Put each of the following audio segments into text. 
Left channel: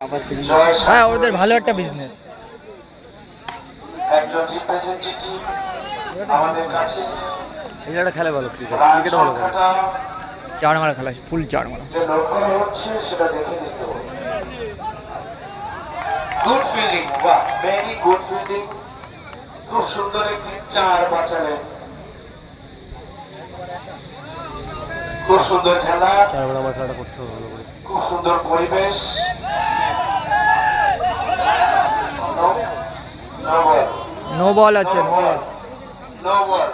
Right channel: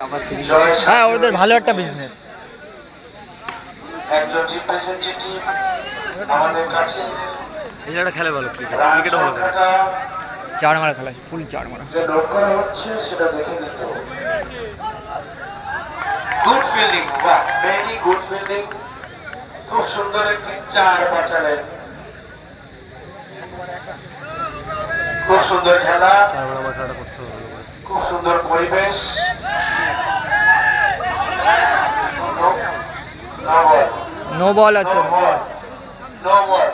হ্যাঁ, ওদের ভালো একটা বিজনেস। একজন রিপ্রেজেন্টেটিভ আমাদের কাছে এছাড়া খেলে ভালো, ক্রিকেটও ভালো খেলে। চার মারা খেলা, ফুল চার মারা। যে নোট করা হচ্ছে সেটা দেখে নিত। গুড ফিল্ডিং, বাহ, ভেরি গুড ফিল্ডিং। খুব সুন্দর একটি চার বাঁচালেন। খুব সুন্দর খেলা, আমার খেলাটা করতে হবে ভালো করে। খুব সুন্দর পরিবেশ। নো বল আছে, নো বল।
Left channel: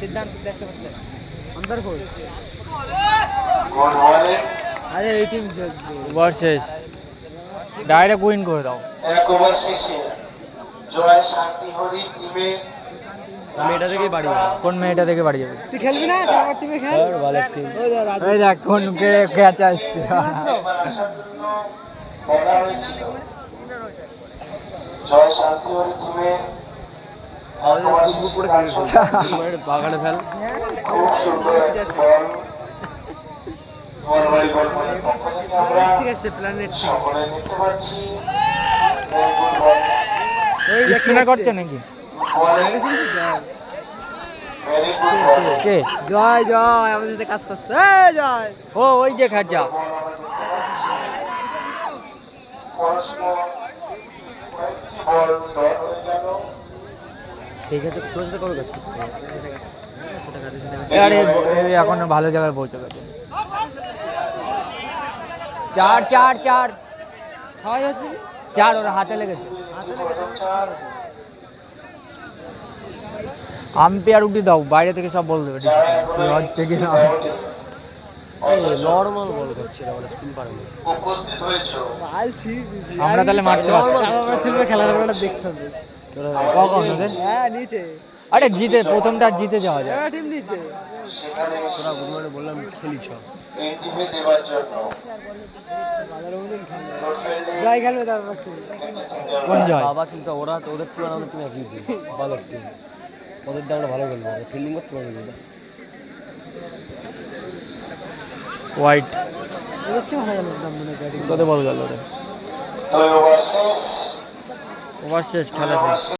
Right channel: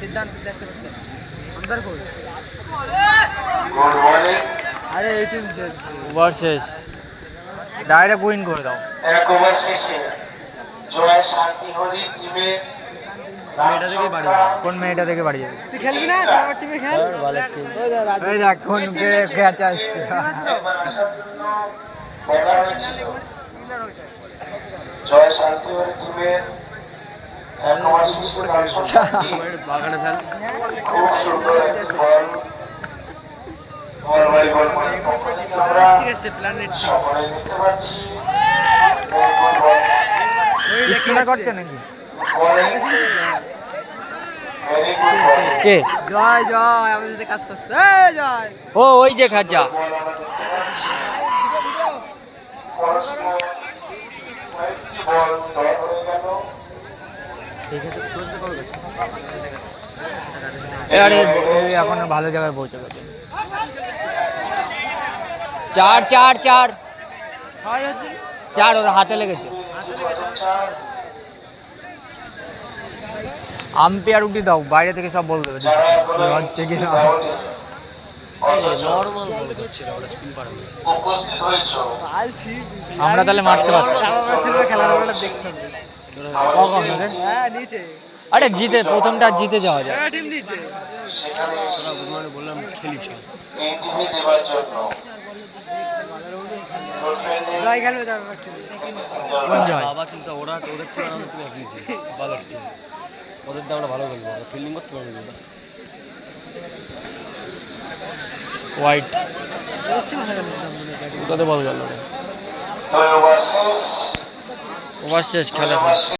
সিদ্ধান্ত দেখতে পাচ্ছে আন্দার কই গুড বলিং। আরে এই টিম শেষ, ওভার শেষ, ডাইরেক্ট উইন করে দাও। এক ওভার শেষে জয় শান্তি হরি টিমে মেয়েটা থেকে বাড়ি যাবে। কোন মেয়েটা থেকে বাড়ি যাবে? তুই খেলবি না? আমার টিমে খেল। ভালো টিম। ওই দেখ কোন ক্যাচ আসছে। এবার আসার জন্য বলা হয়েছিল। জয় শান্তি হরি টিমের এক ওভার শেষে রান সংখ্যা বাগানে ফেল। খুব সুন্দর একটি বল। বলবাড়ি বল মানের পক্ষ থেকে আমরা ঠিক আছে, প্ল্যানেট সকলে দেখতে পাচ্ছি। এই গুড বল। স্পিনার করছে নাকি? Bowling, very good bowling. কে? জয় জয় আমাদের সাথে কাজ করতে। এই জয় ও ওই যে খাজা। বল আমরা দেখতে পাচ্ছি। পরস্পর কয়েকটি বল ডট হয়ে গেল। ঠিক আছে, তোর সাথে কবে কাজ আরে এখন ভালো জায়গায় পৌঁছে গেছে। চার চার চার ছয় হচ্ছে চার, ওর হাতে লেগেছে। আম্পায়ার উঠি দাও, বাইরে থেকে সব বল দেবে যারা কি হচ্ছে কি না। নর্মাল বল করছে, ওটা স্পিন পারে না। উপস্থিত হয়েছে। আলছি আমরা তাহলে মারতে পারবো। আমার ছেলে খেলার বেলা দেখতে হবে। কখন ওদের? হ্যাঁ নিচে আরে জিতে, প্রথমটা জিতে যাওয়া যায়। একটা টিম নিচে। সেখানে এসে তোরা বুধবারে বললাম খেলি চ। এই টিমে দেওয়ার জন্য গুড ফিল্ডিং, জয় খেলবে যাবে আমার টিমে। একটি সিঙ্গেল কোন রান। জয়? বাবা চিন্তা, ওরা ওদের তুলনায় আমরা তুমি একই টিম, ভালো টিম। ওদের দিয়ে আমরা ভালো খেলবো, ফিল্ডিং করতে পারি না। হোয়াইট হচ্ছে ভালো গেল ব্যাটিং। তোদের বল গেল রে। দুই ওভার শেষ। ওভার শেষ, খেলা শেষ।